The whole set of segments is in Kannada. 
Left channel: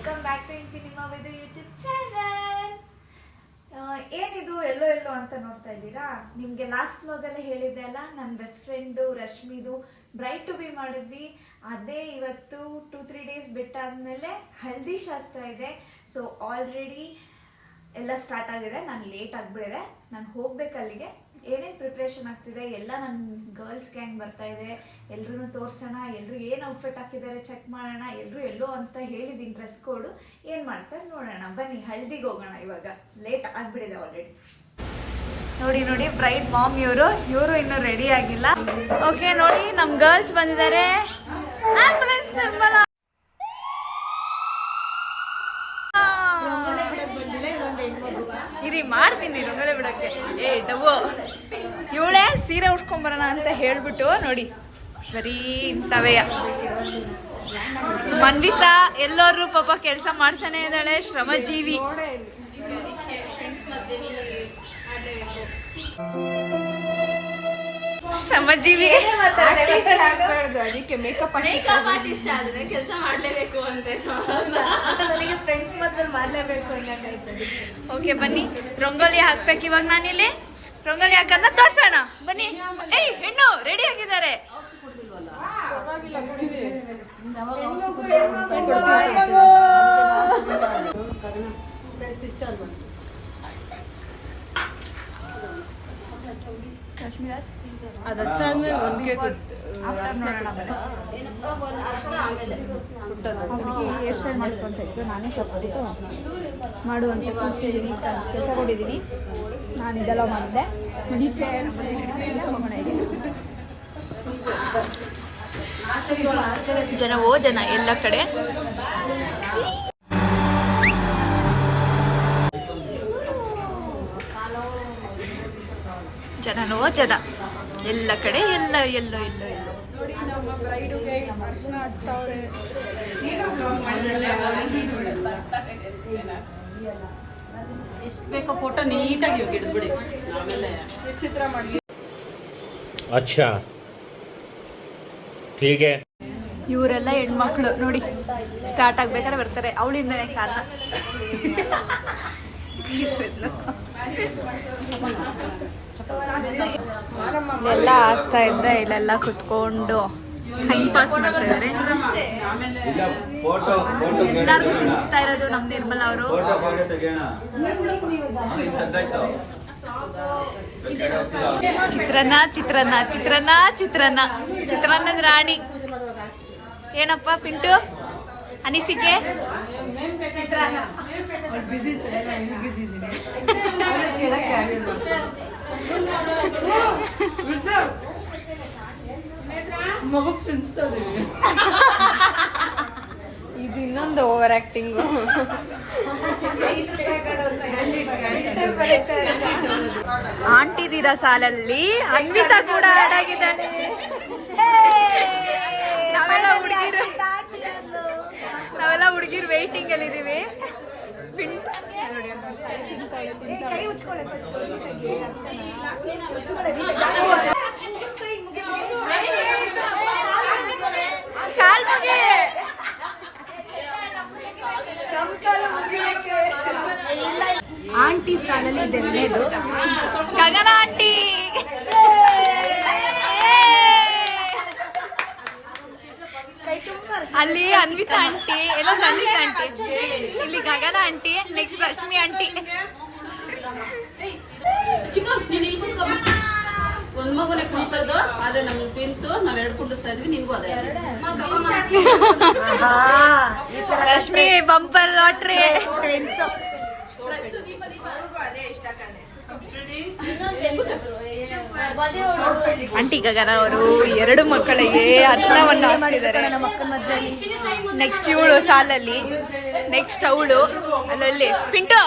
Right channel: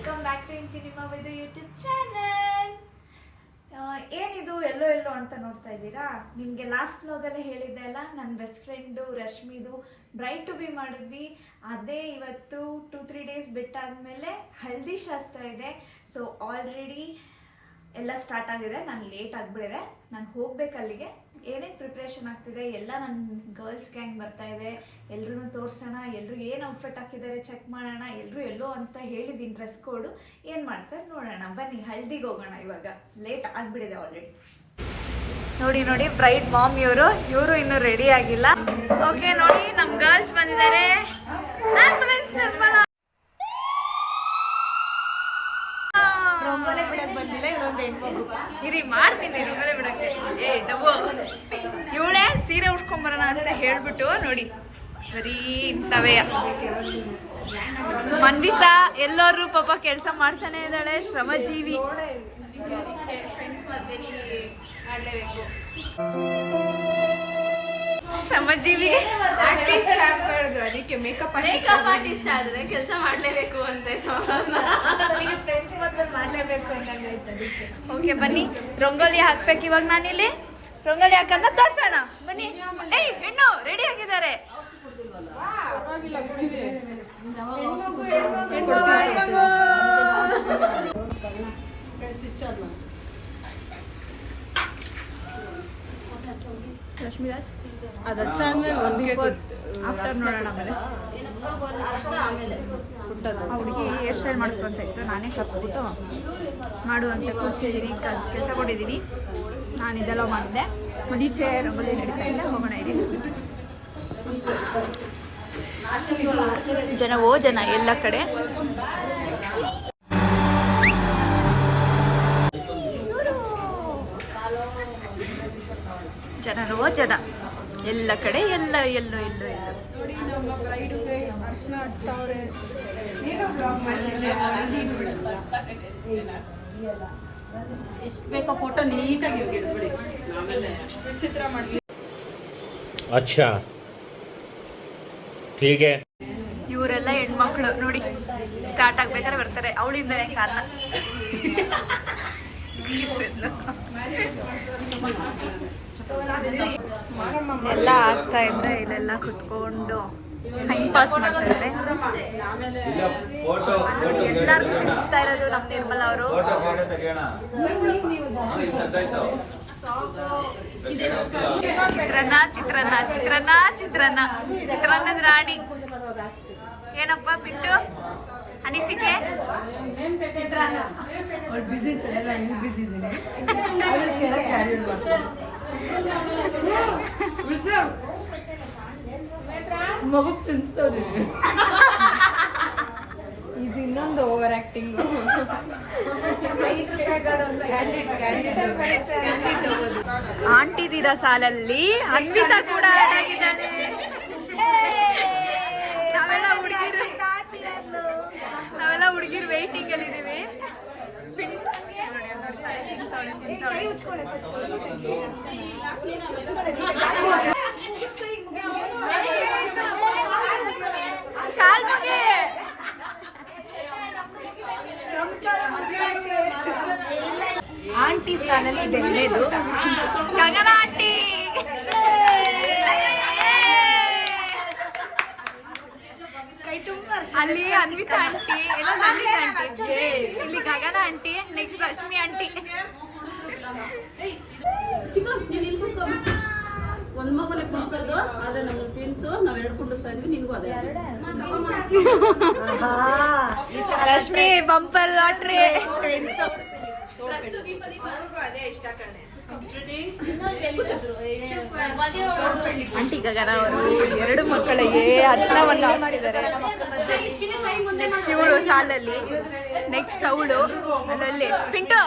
ವೆಲ್ಕಮ್ ಬ್ಯಾಕ್ ಟು ಇಂತಿ ನಿಮ್ಮ ವೇದು ಯೂಟ್ಯೂಬ್ ಚಾನಲ್. ಏನಿದು ಎಲ್ಲೋ ಎಲ್ಲೋ ಅಂತ ನೋಡ್ತಾ ಇದ್ದೀರಾ? ನಿಮಗೆ ಲಾಸ್ಟ್ ವ್ಲಾಗಲ್ಲೇ ಹೇಳಿದ್ದೆ ಅಲ್ಲ, ನನ್ನ ಬೆಸ್ಟ್ ಫ್ರೆಂಡು ರಶ್ಮಿದು ಬ್ರೈಟ್ ಟು ಬಿ ಮಾಡಿದ್ವಿ. ಅದೇ ಇವತ್ತು 2-3 ಡೇಸ್ ಬಿಟ್ಟಾದ್ಮೇಲೆ ಹಲ್ದಿ ಶಾಸ್ತ್ರ ಇದೆ. ಸೊ ಆಲ್ರೆಡಿ ಎಲ್ಲ ಸ್ಟಾರ್ಟ್ ಆಗಿದೆ. ನಾನು ಲೇಟ್ ಆಗಿಬಿಡಿದೆ. ನಾನು ಹೋಗ್ಬೇಕು ಅಲ್ಲಿಗೆ. ಏನೇನು ಪ್ರಿಪ್ರೇಷನ್ ಆಗ್ತಿದೆ ಎಲ್ಲ ನನ್ನ ಗರ್ಲ್ಸ್ ಗ್ಯಾಂಗ್ ಬರ್ತಾ ಇದೆ. ಎಲ್ರೂ ತೋರಿಸೋಣ, ಎಲ್ಲರೂ ಏನು ಔಟ್ಫಿಟ್ ಹಾಕಿದ್ದಾರೆ ಚೆಕ್ ಮಾಡೋಣ. ಎಲ್ಲರೂ ಎಲ್ಲೋ ಅಂತ ಹೇಳಿದ್ದೀನಿ ಡ್ರೆಸ್ ಕೋಡು. ಏನು ಮಾಡ್ತಾರೆ ನೋಡೋಣ. ಬನ್ನಿ ಹಲ್ದಿಗೆ ಹೋಗೋಣ. ಇವಾಗ ಲೇಟ್ ಆಗಿಬಿಡಿದೆ ಆಲ್ರೆಡಿ. ನೋಡಿ ನೋಡಿ ಬ್ರೈಡ್ ಮಾಮ್ ಇವರು ಇನ್ನೂ ರೆಡಿ ಆಗಿಲ್ಲ. ಓಕೆ ನೋಡಿ ನಮ್ಮ ಗರ್ಲ್ಸ್ ಬಂದಿದ್ದಾರೆ. ಆಂಬುಲೆನ್ಸ್ ನಿರ್ಮಲ ಇರಿ ಮಾಡ್ತೀನಿ ರಂಗೋಲಿ ಬಿಡಕ್ಕೆ. ಡಬ್ಬು ಇವಳೇ ಸೀರೆ ಉಟ್ಕೊಂಬರೋಣ ಅಂತ ಹೇಳ್ಬಿಟ್ಟು ನೋಡಿ ಬರೀ ಇಂಥವೇ. ಮನ್ವಿತಾ ಎಲ್ಲರೂ ಪಾಪ ಕೆಲಸ ಮಾಡ್ತಾನೆ ಇದ್ದಾಳೆ, ಶ್ರಮಜೀವಿ. ಶ್ರಮಜೀವಿ ಅದಕ್ಕೆ ಮೇಕಪ್ ಆರ್ಟಿಸ್ಟ್ ಆದ್ರೆ ಕೆಲಸ ಮಾಡ್ಲೇಬೇಕು ಅಂತ. ಓಕೆ ಬನ್ನಿ ರಂಗೋಲಿ ಹಾಕ್ಬೇಕು ಇವಾಗ. ನಾನಿಲ್ಲಿ ರಂಗೋಲಿ ಹಾಕಂದ ತೋರ್ಸೋಣ ಬನ್ನಿ. ಏಯ್ ಹೆಣ್ಣು ರೆಡಿ ಆಗಿದ್ದಾರೆ. ರಶ್ಮಿರಾಜ್ ಹುಡುಗಿ ಹೇರ್ ಸ್ಟೈಲ್ ಮಾಡಿಸ್ಕೊಂತ ಇತ್ತು. ನಾನೇ ಕಲ್ತ್ಬಿಟ್ಟು ಮಾಡುವಂತೆ ಕೂರಿಸಿದ್ದೀನಿ, ಕೆಲಸ ಕೊಟ್ಟಿದ್ದೀನಿ. ನಾನು ಇದೆಲ್ಲ ಮಾಡಿದ್ದೆ. ಮುಂಚೆ ನಮ್ಮಲ್ಲಿ ನಡೀತಾ ಇಲ್ಲ. ಹೋಗೋಣ ಇದ್ದೀನಿ. ಜನವೋ ಜನ ಎಲ್ಲ ಕಡೆ. ಜನನೋ ಜನ ಎಲ್ಲ ಕಡೆ. ಎಲ್ಲ ಎಲ್ಲೋ ಎಲ್ಲೋ ಎಲ್ಲೋ ಎಷ್ಟು ಬೇಕೋ ಫೋಟೋ ನೀಟಾಗಿ ಹಿಡಿದ್ಬಿಡಿ. ಚಿತ್ರ ಮಾಡಿ. ಅಚ್ಚಾ ಹೀಗೆ ಇವರೆಲ್ಲ ಹೆಣ್ಮಕ್ಳು ನೋಡಿ ಸ್ಟಾರ್ಟ್ ಆಗ್ಬೇಕಾದ್ರೆ ಬರ್ತಾರೆ. ಅವಳಿಂದನೇ ಕಾರಣ. ಎಲ್ಲ ಆಗ್ತಾ ಇದ್ರೆ ಇಲ್ಲೆಲ್ಲ ಕುತ್ಕೊಂಡು ಟೈಮ್ ಪಾಸ್ ಮಾಡ್ತಾ ಇದಾರೆ. ಎಲ್ಲಾರ್ಗು ತಿನ್ನಿಸ್ತಾ ಇರೋದು ನಮ್ಮ ನಿರ್ಮಲಾ ಅವರು. ಚಿತ್ರಾನ್ನ ಚಿತ್ರಾನ್ನ ಚಿತ್ರಾನ್ನ ಚಿತ್ರಾನ್ನ ಚಿತ್ರಾನ್ನದ ರಾಣಿ. ಏನಪ್ಪ ಪಿಂಟು ಅನಿಸಿಕೆ? ಮಗು ತಿನ್ಸ್ತದೆ. ಇದು ಇನ್ನೊಂದು ಓವರ್ ಆಕ್ಟಿಂಗ್. ಆಂಟಿದಿರ ಸಾಲಲ್ಲಿ ಅನ್ವಿತಾ ಕೂಡ ಆಡ್ ಆಗಿದ್ದಾಳೆ. ನಾವೆಲ್ಲ ಹುಡುಗಿರು ವೇಟಿಂಗ್ ಅಲ್ಲಿ ಇದೀವಿ. ಕಾಲ್ ಮುಗಿ. ಆಂಟಿ ಸಾಲಲ್ಲಿ ಇದೆ ಒಳ್ಳೇದು. ಗಗನ ಆಂಟಿ. ಅಲ್ಲಿ ಅನ್ವಿತಾ ಆಂಟಿ, ಎಲ್ಲ ಅನ್ವಿತಾ ಆಂಟಿ, ಇಲ್ಲಿ ಗಗನ ಆಂಟಿ, ನೆಕ್ಸ್ಟ್ ರಶ್ಮಿ ಆಂಟಿ. ಒಂದ್ ಮಗುನೇ ಕುಣಿಸೋದು, ಆದ್ರೆ ನಮ್ಗೆ ಟ್ವಿನ್ಸ್, ನಾವೆರಡು ಕುಂಡಿಸ್ತಾ ಇದ್ವಿ. ನಿನ್ಗೂ ಅದೇ ರಶ್ಮಿ ಬಂಪರ್ ಲಾಟ್ರಿ. ಆಂಟಿ ಗಗನ ಅವರು 2 ಮಕ್ಕಳಿಗೆ ಅರ್ಶನವನ್ನು ಹಾಕ್ತಿದ್ದಾರೆ. ನೆಕ್ಸ್ಟ್ ಇವಳು ಸಾಲಲ್ಲಿ, ನೆಕ್ಸ್ಟ್ ಅವಳು ಅಲ್ಲಲ್ಲಿ ಪಿಂಟು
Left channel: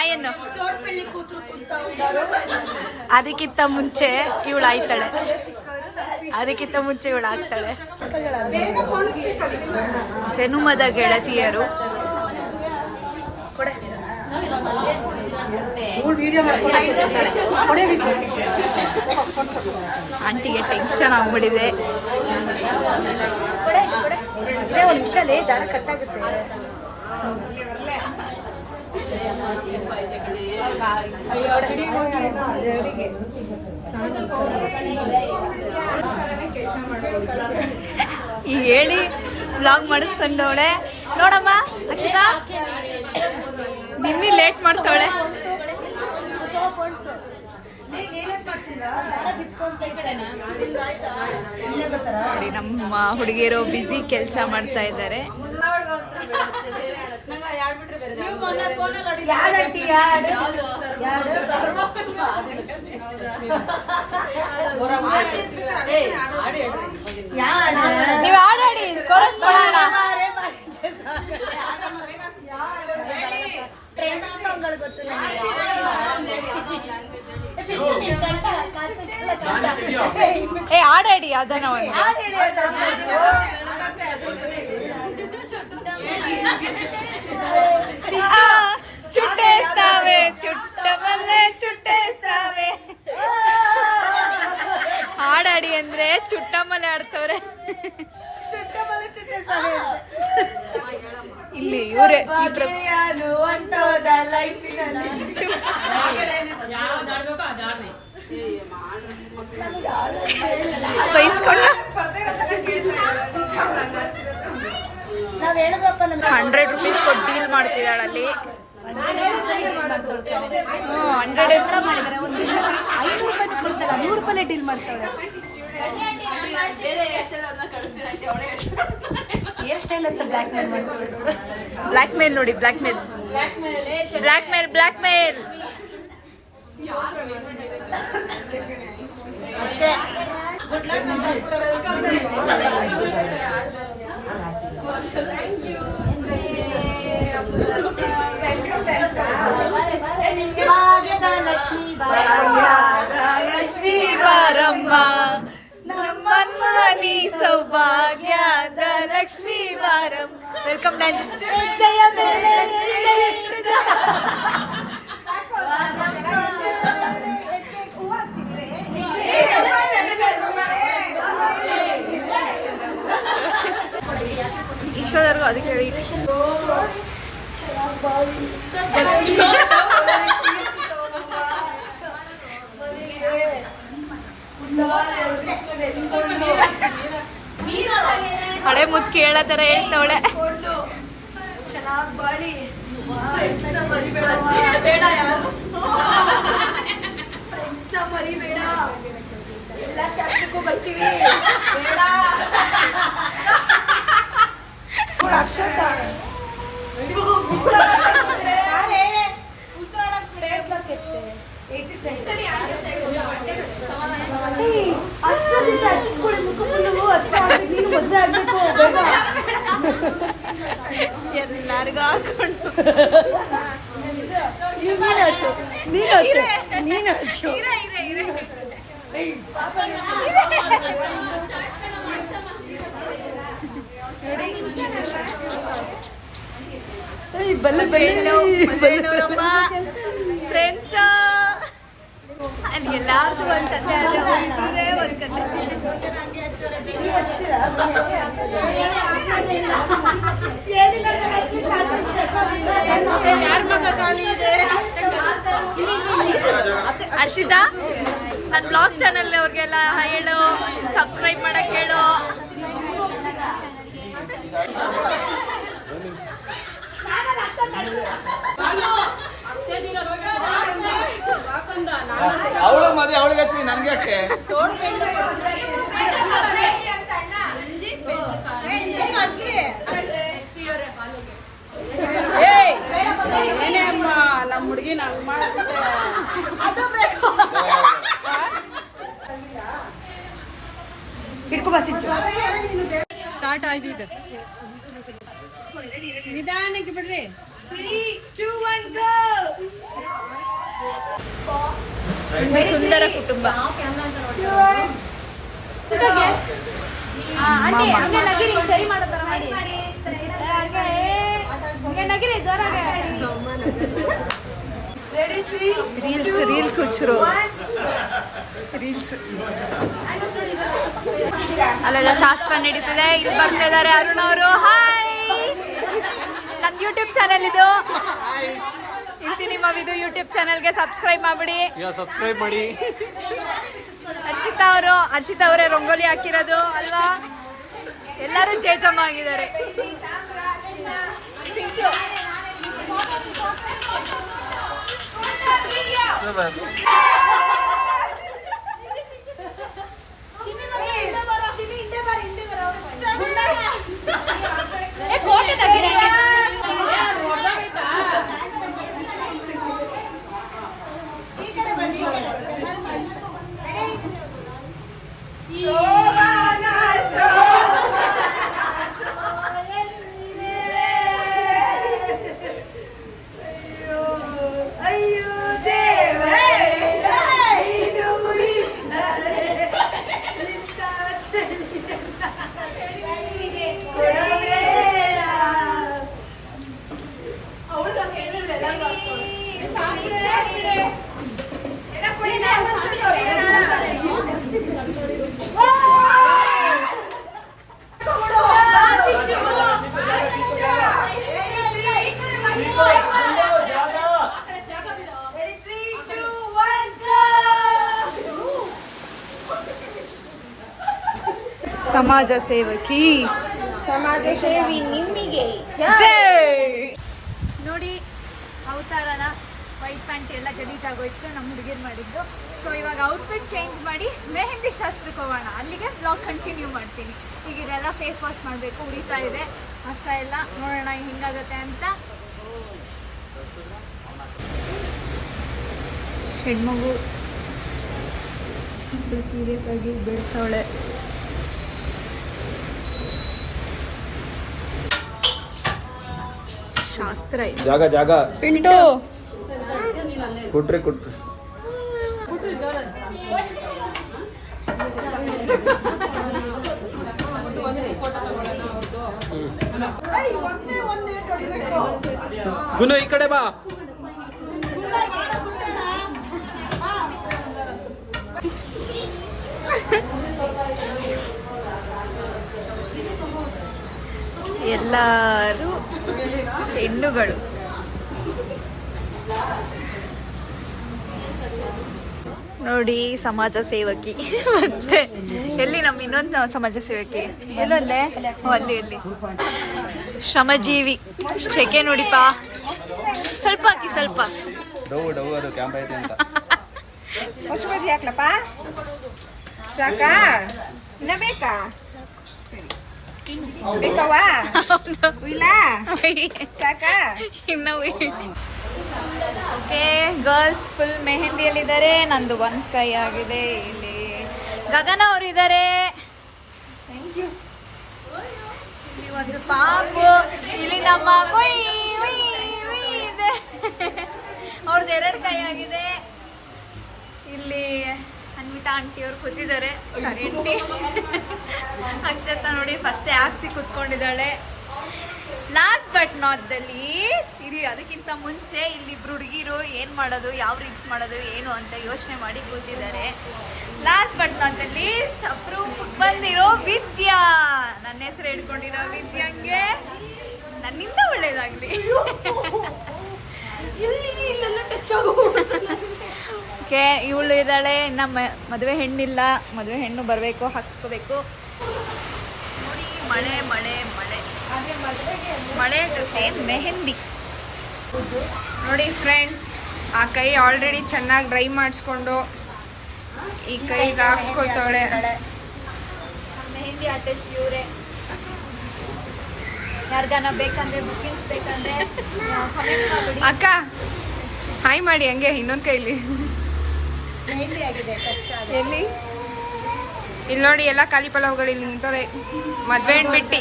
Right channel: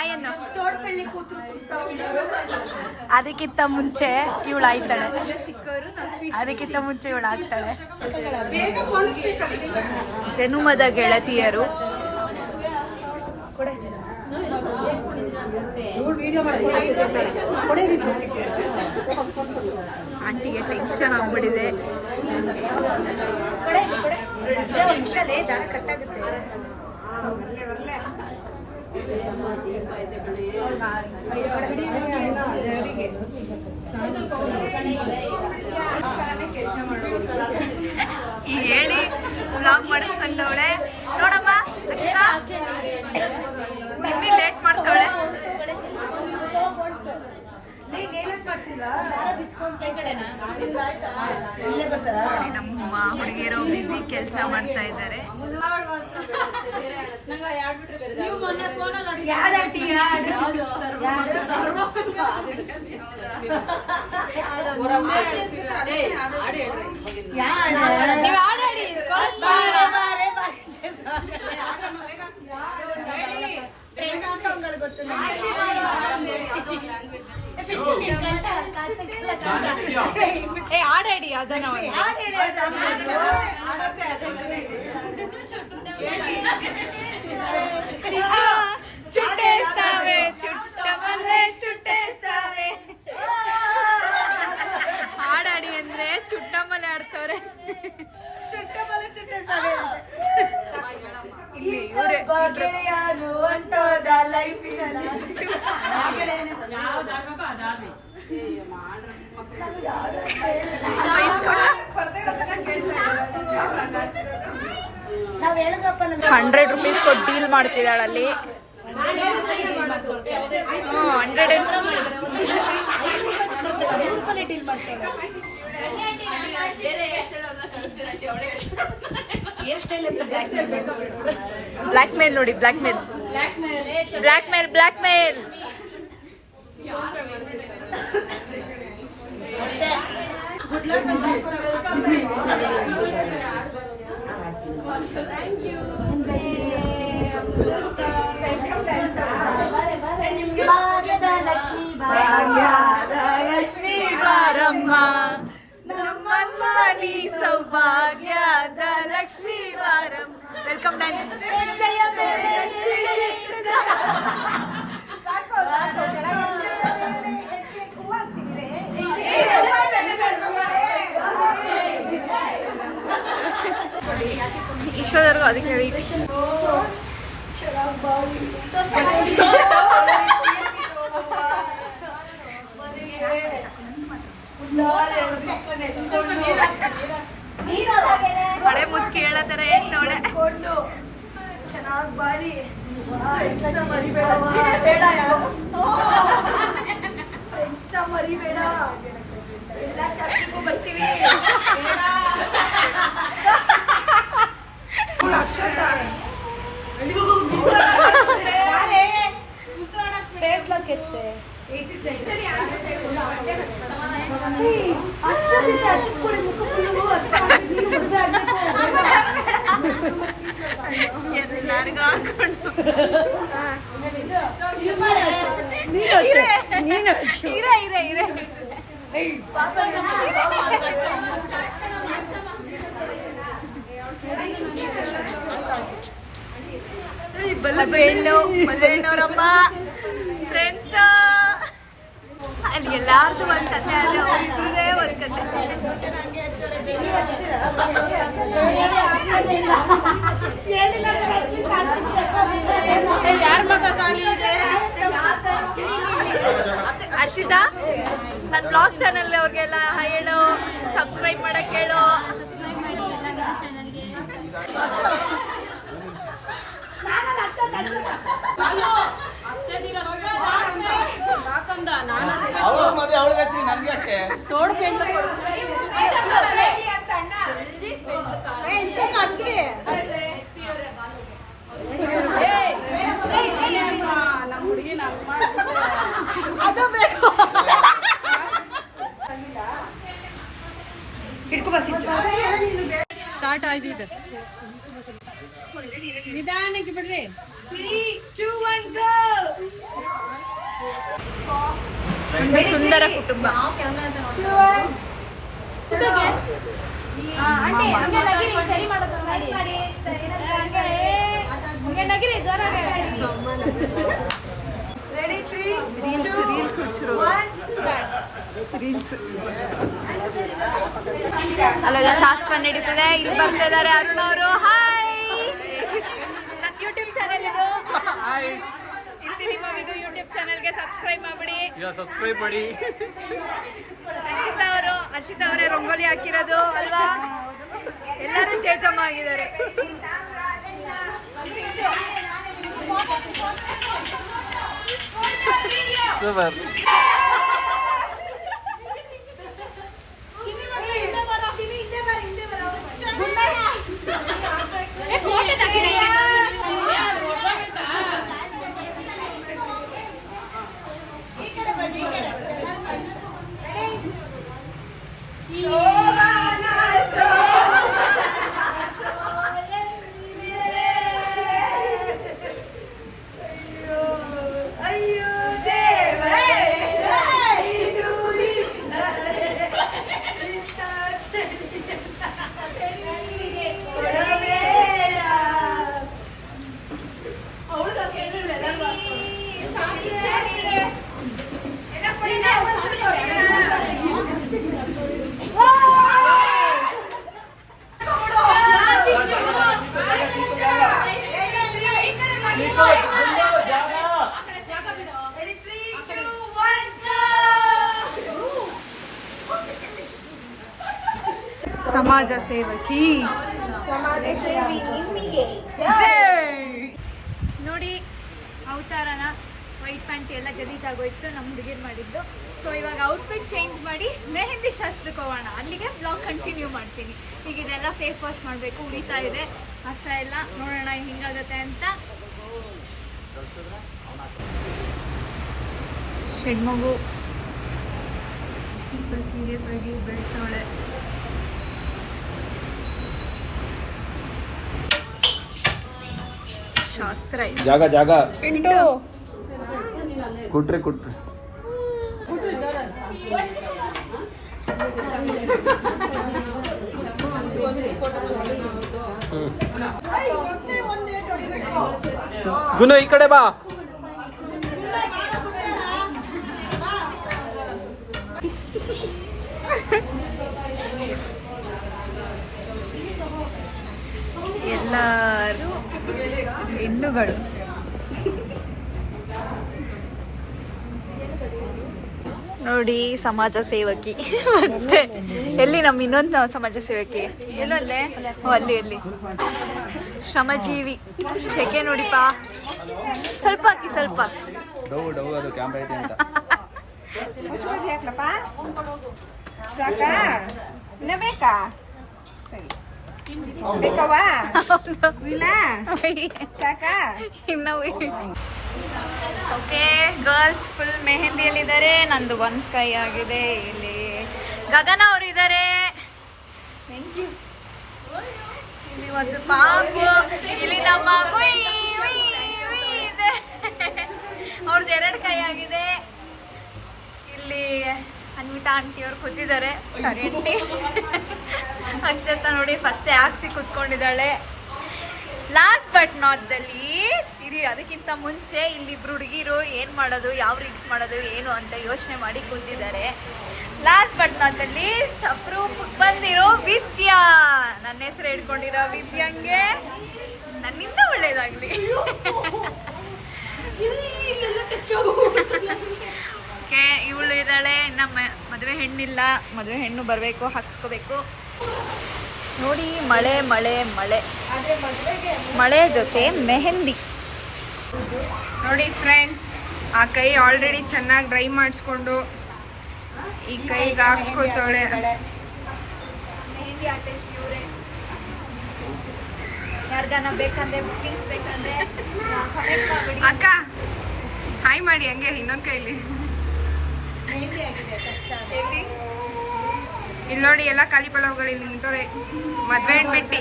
ಆಯನ್ನು. ಅದಕ್ಕಿಂತ ಮುಂಚೆ ಇವಳು ಆಯ್ತಾಳೆ. ಅದಕ್ಕಿಂತ ಮುಂಚೆ ಇವಳು ಆಗ್ತಾಳೆ. ಜನುಮದ ಗೆಳತಿಯರು. ಆಂಟಿಗೆ ಟೆನ್ಷನ್ ಆಗ್ಬಿಟ್ಟಿದೆ. ಈಗ ಹೇಳಿ ವ್ಲಾಗ್ ಮಾಡಿಸ್ಕೊಂಡವಳೆ ನೋಡಮ್ಮ. ಅಕ್ಷತಾ ನಿಮ್ಮಿ ಲೇಟ್ ಮಾಡ್ತಾವಳೆ. ನಮ್ಮ ಹುಡುಗಿಯರು ಬಿಸಿ ಕೆಲಸ ಮಾಡ್ತಾ ಇದ್ದಾರೆ. ನೀವು ಆಡಾಡಿ ಏ ಆಡಾಡಿ ಅದನ್ನ చుట్టేస్తావే చుట్టమల్లే చుట్టేస్తావే. ಹಾಡಾಡಿ ಅಂದ್ರೆ ಚುಟ್ಟಮಲೆ ಆಡ್ತವ್ರೆ. ಇಲ್ಲಿ ಇವರೇ ಬೈಸ್ಕೊಂಡ 100 ರೂಪೀಸ್ ಕೊಟ್ಟು ಡೀಲ್ ಮಾಡ್ತಿದ್ದಾಳಲ್ಲಿ. 100 ಡೀಲ್ ಮಾಡ್ತಾಳೆ. ಬ್ಲ್ಯಾಕ್ ಮೇಲ್ ನೋಡಿ, ಬ್ಲ್ಯಾಕ್ ಮೇಲ್ ಬ್ಲ್ಯಾಕ್ ಮೇಲ್ ಬ್ಲ್ಯಾಕ್ ಮೇಲ್. ಲಕ್ಷ್ಮೀ ಬಾರಮ್ಮ ನಮ್ಮನಿ ಸೌಭಾಗ್ಯದ ಲಕ್ಷ್ಮೀ ಬಾರಮ್ಮ. Welcome dance. ಈಶ್ವರರ್ಗು ಅದಕ್ಕೆ ಹೇಳಿ ಹಳೆ ಮುದ್ ಕೇಳತರ ಹೇಳ್ತವಳೆ. ಚೆನ್ನಾಗಿ ಬಾಳಿ ಫ್ರೆಂಡ್ಸ್ನ ಮರಿಬೇಡ, ಎಲ್ಲ ಶಾಸ್ತ್ರಕ್ಕೂ ಬರ್ತೀವಿ. ಎಲ್ಲಾರ್ಗು ಹಾಕೊಂಡು ಮದುವೆಣ್ಣವರಮ್ಮ ಫ್ರೆಂಡ್ಸ್ ಅಲ್ಲಿ ಎಲ್ಲಾರ್ದು ಒಂದ್ ಕತೆ ಅಲ್ಲ, ಅವ್ರಿದ್ರೆ ಒಂದ್ ಕತೆ. ಯಾರ ಮಗ ಖಾಲಿ ಇದೆ? ಹರ್ಷಿತಾ, ನನ್ನ ಬ್ಲಾಗ್ ಚಾನಲ್ ಅವ್ರಿಗೆಲ್ಲ ಹೇಳು, ಸಬ್ಸ್ಕ್ರೈಬ್ ಮಾಡಕ್ ಹೇಳು. ನಮ್ಮ ಹುಡುಗಿ ಸ್ಟಾರ್ಟ್ ಆಯ್ತು ಈಗ. ನಿಧಾನಕ್ಕೆ ಬಿಡ್ರಿ. 3, 2, 1 go. ಒಂದು ಸುಂದರ ಕುಟುಂಬ. ರೀಲ್ಸ್ ಹುಚ್ಚರು. ರೀಲ್ಸ್ ಅಲ್ಲೆಲ್ಲ ಶಾಸ್ತ್ರ ನಡೀತಿದೆ. ಇಲ್ಲಿ ಬರ್ತಾ ಇದ್ದಾರೆ ಅರುಣ್ ಅವರು. ಹಾಯ್, ನನ್ನ ಯೂಟ್ಯೂಬ್ ಚಾನೆಲ್ ಇದು. ಇಂತಿ ನಿಮ್ಮ ಇದು ಯೂಟ್ಯೂಬ್ ಚಾನೆಲ್ಗೆ ಸಬ್ಸ್ಕ್ರೈಬ್ ಮಾಡ್ಬಿಡಿ. ಸಬ್ಸ್ಕ್ರೈಬ್ ಮಾಡಿ. ಹರ್ಷಿತಾ ಅವರೇ ರಂಗೋಲಿ ಹಾಕಿರೋದು ಅಲ್ವಾ? ಎಲ್ಲರೂ ಜೇಜಮ್ಮ ಆಗಿದ್ದಾರೆ. ಸಮಾಜ ಸೇವಕಿ ಜೈ. ನೋಡಿ ಅವತಾರನ ವೈಟ್ ಪ್ಯಾಂಟ್ ಎಲ್ಲ ಗಲೀಜಾಗೋಯ್ತು, ನಮ್ಮ ಹುಡುಗಿರು ಮಾಡಿದ್ದು. ಸೊ ಇವಾಗ ಔಟ್ಫಿಟ್ ಚೇಂಜ್ ಮಾಡಿ ಮೆಹಂದಿ ಶಾಸ್ತ್ರಕ್ಕೆ ಹೋಗೋಣ. ಅಲ್ಲಿಗೆ ಬ್ಲಾಗ್ ಕಂಟಿನ್ಯೂ ಮಾಡ್ತೀನಿ. ಈಗ ಇದೆಲ್ಲ ಫೇಸ್ ವಾಶ್ ಮಾಡಬೇಕು, ಉರಿತಾ ಇದೆ, ಆಗ್ತಾ ಇಲ್ಲ. ನೋಡೋಣ ಹಿಂಗಾಗತ್ತೆ ಅಂತ. ಹೆಣ್ಮಗು ಸೀರಿಯಸ್ ಆಗಿ ಬೀಳ್ತಾವಳೆ. ಶಾಸ್ತ್ರ ಇದೆ. ಜಾಗ ಜಾಗ ಕುಟ್ರಿ ಕುಟ್ರಿ. ಗುನು ಈ ಕಡೆ ಬಾ. ಎಲ್ಲರೂ ಹೆಣ್ಣುಗಳು. ನೋಡಿ ಸಮಾಜ ಸೇವಕಿ. ಮತ್ತೆ ಎಲ್ಲಿ ನಮ್ಮ ಇನ್ನೊಂದು ಸಮಾಜ ಸೇವಕಿ ಎಲ್ಲಲ್ಲೇ? ಅಲ್ಲಿ ಶ್ರಮಜೀವಿ. ಚೆಕೆ ನೋಡಿಪಾ, ಸ್ವಲ್ಪ ಹಾಕಿ, ಸ್ವಲ್ಪ ಡೌ ಅದು ಕ್ಯಾಮ್ರಾ ಐತೆ ಅಂತ. ಹೊಸ ಬಜ್ಜಿ ಹಾಕ್ಲಪ್ಪ, ಸಾಕಾ? ಇನ್ನ ಬೇಕಾ? ಬೇಕವ್ವ? ಇಲ್ಲ ಸಾಕಾ? ಇನ್ನು ಓಕೆ, ಗರ್ಲ್ಸ್ ಫುಲ್ ಮೆಹಂದಿಯಲ್ಲಿದ್ದಾರೆ. ನಂದು ಒಂದು ಕೈ ಆಗಿದೆ. ಇಲ್ಲಿ ಗಗನ ಅವರಿದ್ದಾರೆ. Thank you. ಇಲ್ಲಿ ಒಂದು ಪಾಪು, ಇಲ್ಲಿ ನಮ್ಮ ಇದೆ, ಅವ್ರದ್ದು 2 ಕೈ ಆಗಿದೆ. ಇಲ್ಲಿ ಅನ್ವಿತಾ ಆಂಟಿ ಅವ್ರು ಕೂತಿದ್ದಾರೆ. Sorry aunty. ಅಕ್ಷತಾ ನೋಡಿ ಫಸ್ಟೇ ಹಾಕ್ಸಿ ಕೂತ್ಕೊಂಡಿದ್ದಾಳೆ. Last but not the least, ಇರಿ ಅದಕ್ಕಿಂತ ಮುಂಚೆ ಇಲ್ಲಿಬ್ರು ಹುಡುಗಿರು ಏನು ಮಾಡೋದು, ಯಾವ ರೀಲ್ಸ್ ಮಾಡೋದು ಏನು ಅಂತ ಯೋಚನೆ ಮಾಡಿ ಕೂತಿದ್ದಾರೆ. Last but not the list ಅಪ್ರೂಪಕ್ಕೆ ಬಂದಿರೋ ವಿದ್ಯಾ. ನನ್ನ ಹೆಸರು ಹೇಳ್ಕೊಂಡಿರೋ ವಿದ್ಯಾಂಗೆ ನನ್ನಿಂದ ಒಳ್ಳೇದಾಗ್ಲಿ. ಓಕೆ, ಇವಳು ಇದ್ದಾಳೆ. ನಮ್ಮ ಮದುವೆ ಹೆಣ್ಣಿಲ್ಲ, ಮದುವೆ ಹೆಣ್ಣು ಬರಬೇಕು, ಹಾಕ್ಸ್ಕೋಬೇಕು. ನೋಡಿ ಮಳೆ ಮಳೆ ಮಳೆ ಮಳೆ ಜೊತೆ ಮೆಹಂದಿ. ನೋಡಿ ಫ್ರೆಂಡ್ಸ್, ಆ ಕೈ ಆಲ್ರೆಡಿ ಚೆನ್ನಾಗಿ ಡ್ರೈ ಮಾಡಿಸ್ಕೊಂಡು ಈ ಕೈಗೆ ಹಾಕ್ಸ್ಕೊತಾಳೆ. ಮೆಹಂದಿ ಆರ್ಟಿಸ್ಟ್ ಇವರೇ. ಯಾರಿಗಾನ ಬೇಕಂದ್ರೆ ಬುಕ್ಕಿಂಗ್ಸ್ ಬೇಕಂದ್ರೆ ಕಮೆಂಟ್ ಮಾಡಿ. ಅಕ್ಕ ಹಾಯ್ ಮಾಡಿ ಹಂಗೆ ಇನ್ನೊಂದು ಕೈಲಿ. ಮೆಹಂದಿ ಆಗಿದೆ ಕಷ್ಟ. ಇಲ್ಲಿ ನೋಡಿ ಎಲ್ಲ ಖಾಲಿ ಪಲಾವ್ಗಳು ಇಲ್ಲಿ ನಿಂತವ್ರೆ. ಮದ್ವೆ ಹೆಣ್ಬಿಟ್ಟಿ.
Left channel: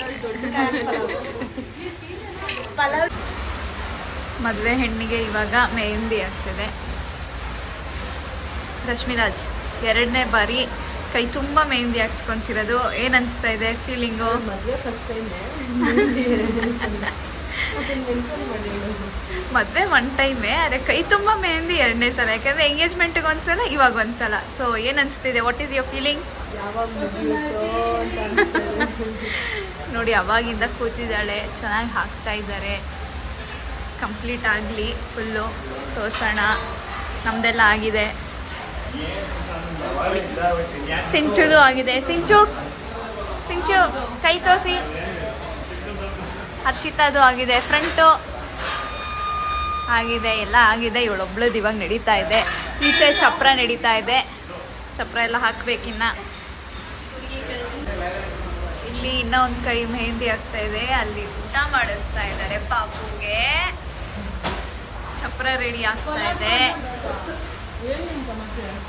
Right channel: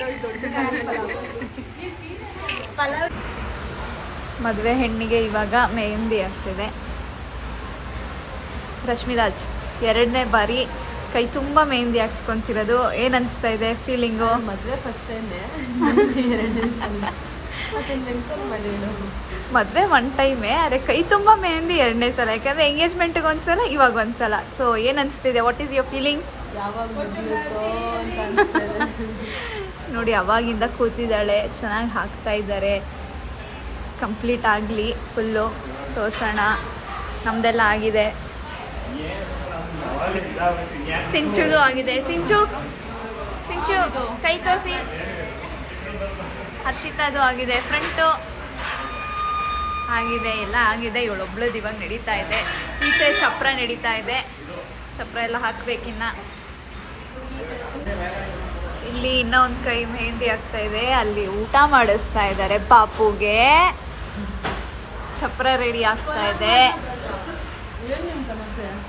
ಮದುವೆ ಹೆಣ್ಣಿಗೆ ಇವಾಗ ಮೆಹಂದಿ ಆಗ್ತಿದೆ. ರಶ್ಮಿರಾಜ್ 2ನೇ ಬಾರಿ ಕೈ ತುಂಬ ಮೆಹಂದಿ ಹಾಕ್ಸ್ಕೊಂತಿರೋದು. ಏನು ಅನಿಸ್ತಾ ಇದೆ ಫೀಲಿಂಗು? ಮದುವೆ ಫಸ್ಟ್ ಟೈಮ್ ಮದುವೆ ಒನ್ ಟೈಮೇ, ಅರೆ ಕೈ ತುಂಬ ಮೆಹಂದಿ ಎರಡನೇ ಸಲ, ಯಾಕಂದರೆ ಎಂಗೇಜ್ಮೆಂಟ್ಗೆ ಒಂದ್ಸಲ, ಇವಾಗ ಒಂದ್ಸಲ. ಸೊ ಏನು ಅನಿಸ್ತಿದೆ? What is your feeling? ಯಾವಾಗ ಮುಗಿಯುತ್ತೋ ಅಂತ ಅನ್ಸ್ತದೆ. ನೋಡಿ ಅವಾಗಿಂದ ಕೂತಿದ್ದಾಳೆ, ಚೆನ್ನಾಗಿ ಹಾಕ್ತಾ ಇದ್ದಾರೆ. ಕಂಪ್ಲೀಟ್ ಆಗಲಿ, ಫುಲ್ಲು ತೋರ್ಸೋಣ. ನಮ್ಮದೆಲ್ಲ ಆಗಿದೆ, ಸಿಂಚುದು ಆಗಿದೆ. ಸಿಂಚು ಕೈ ತೋರಿಸಿ. ಹರ್ಷಿತಾದು ಆಗಿದೆ, ಫ್ರಂಟು ಆಗಿದೆ, ಎಲ್ಲ ಆಗಿದೆ. ಇವಳೊಬ್ಳದ್ದು ಇವಾಗ ನಡೀತಾ ಇದೆ. ಈಚೆ ಚಪ್ರ ನಡೀತಾ ಇದೆ, ಚಪ್ರ ಎಲ್ಲ ಹಾಕ್ಬೇಕಿನ್ನ. ಇಲ್ಲಿ ಇನ್ನೂ ಒಂದು ಕೈ ಮೆಹಂದಿ ಆಗ್ತಾ ಇದೆ. ಅಲ್ಲಿ ಊಟ ಮಾಡಿಸ್ತಾ ಇದ್ದಾರೆ ಪಾಪುಗೆ. ಚಪ್ರ ರೆಡಿ ಆಗ್ತಾ ಇದೆ,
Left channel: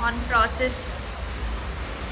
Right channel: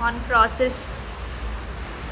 ಆನ್ ಪ್ರಾಸೆಸ್.